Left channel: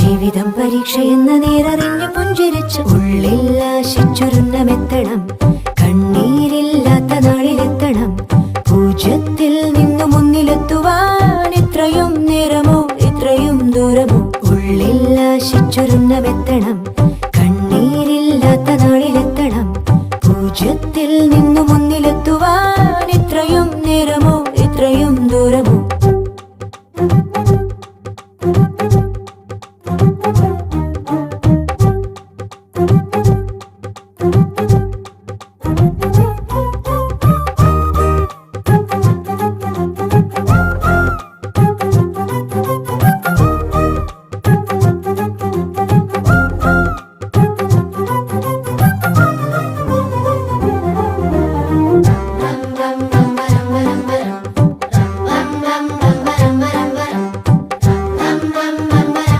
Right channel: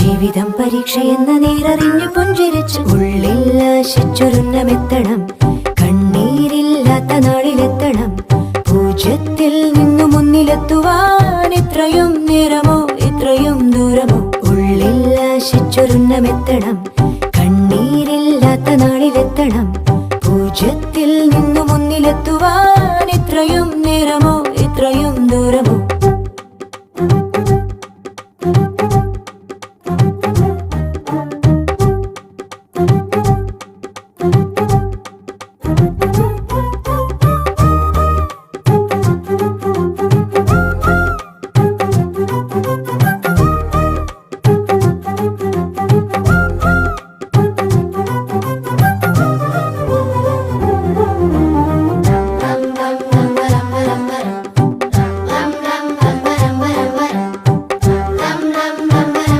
ജീവിതം പരീക്ഷയെന്ന നേരറിഞ്ഞു പുഞ്ചിരിച്ച് ഉള്ളിൽ ആശിച്ചൊരുന്നമെത്തണം. കണ്ണീരില്ലാത്ത നാളിലെത്തണം. പൂജ്യത്തിൽ നിന്നു മുന്നിലെത്തുവാൻ ഇത്രയും നേരമോ ഇത്രയും ദൂരമോ? ഉള്ളിൽ ആശിച്ചൊരുന്നമെത്തണം. കണ്ണീരില്ലാത്ത നാളിലെത്തണം. പൂജ്യത്തിൽ നിന്നു മുന്നിലെത്തുവാൻ ഇത്രയും നേരമോ